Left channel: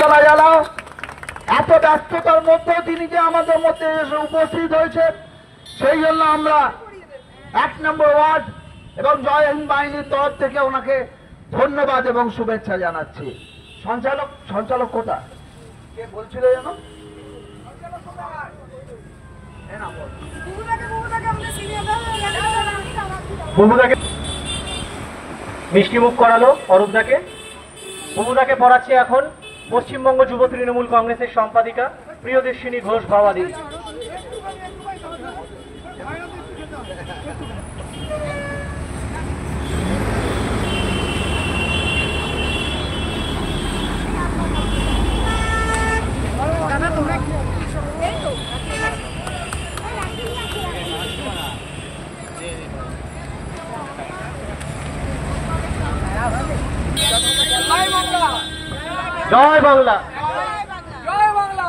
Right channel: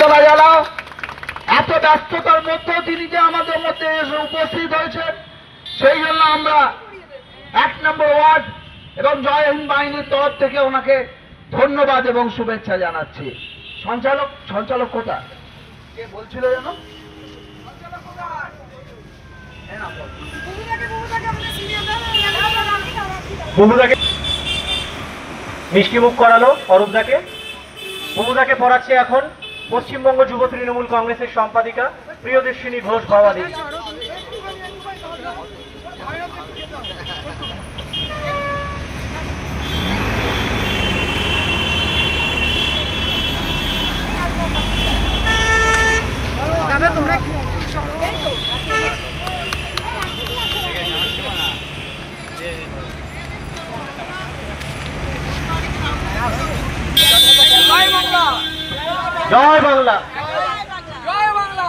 জানা জানাও এত ব্যস্ততার মধ্যেও তিনি যে আমাদের মধ্যে এসে উপস্থিত হয়েছেন, সেই জন্য আমরা 1 নম্বর ওয়ার্ড এবং জয় হিন্দ বাহিনীর তরফ থেকে ওনাকে ধন্যবাদ এবং শুভেচ্ছা জানাচ্ছি। সঞ্চালক কোথা কে বলছিল যেন? বুবুদাকে মিষ্টিমুখ করালো অরূপদাকে। বুবুদাকে পড়াচ্ছে এখন পশ্চিমবঙ্গ যুব তৃণমূল কংগ্রেসের সম্পাদিকা প্রিয়দর্শিনী ঘোষ ভবাদী। জয় বাংলা, জয় বাংলা।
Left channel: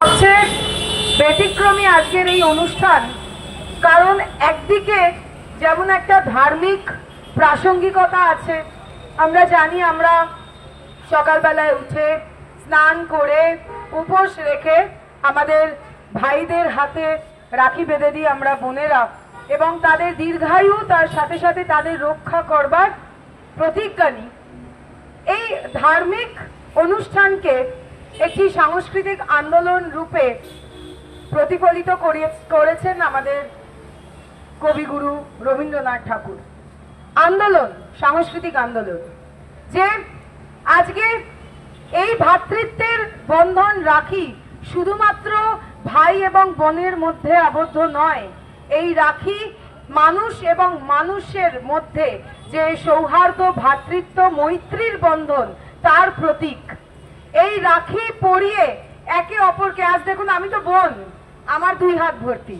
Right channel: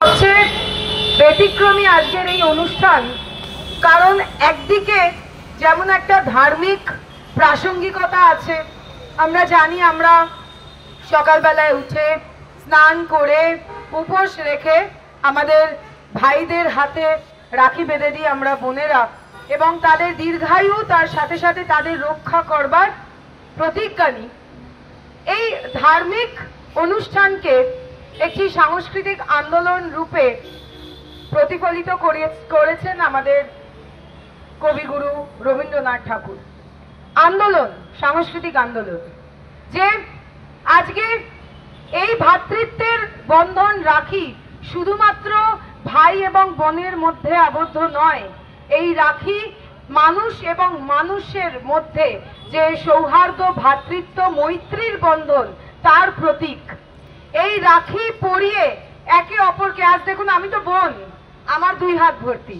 হচ্ছে ব্যতিক্রমী আজকের এই অনুষ্ঠান, কারণ একদিকে যেমন একটা ধার্মিক প্রাসঙ্গিকতা আছে। আমরা জানি, আমরা সকালবেলায় উঠে স্নান করে উপোস রেখে আমাদের ভাইদের হাতে রাখি বেঁধে দিই আমরা বোনেরা, এবং তাদের দীর্ঘায়ু, তার সাথে সাথে তাদের রক্ষা করবার প্রতিজ্ঞা নিই। এই ধার্মিক অনুষ্ঠানকে একটি সাংস্কৃতিক আন্দোলন রূপে প্রতিফলিত করেছেন আমাদের কবিগুরু রবীন্দ্রনাথ ঠাকুর। আন্দোলন, সাংস্কৃতিক আন্দোলন, যে আজকে এই ভ্রাতৃত্বের বন্ধন রাখি শুধুমাত্র ভাই এবং বোনের মধ্যে আবদ্ধ নয়, এই রাখি মানুষ এবং মানুষের মধ্যে যে সৌহার্দ্য, ভ্রাতৃত্ব, মৈত্রীর বন্ধন, তার প্রতীক। এই রাখি পরিয়ে একে অপরকে, আজ দেখুন আমি তো বোন, আমার 2 হাত ভর্তি,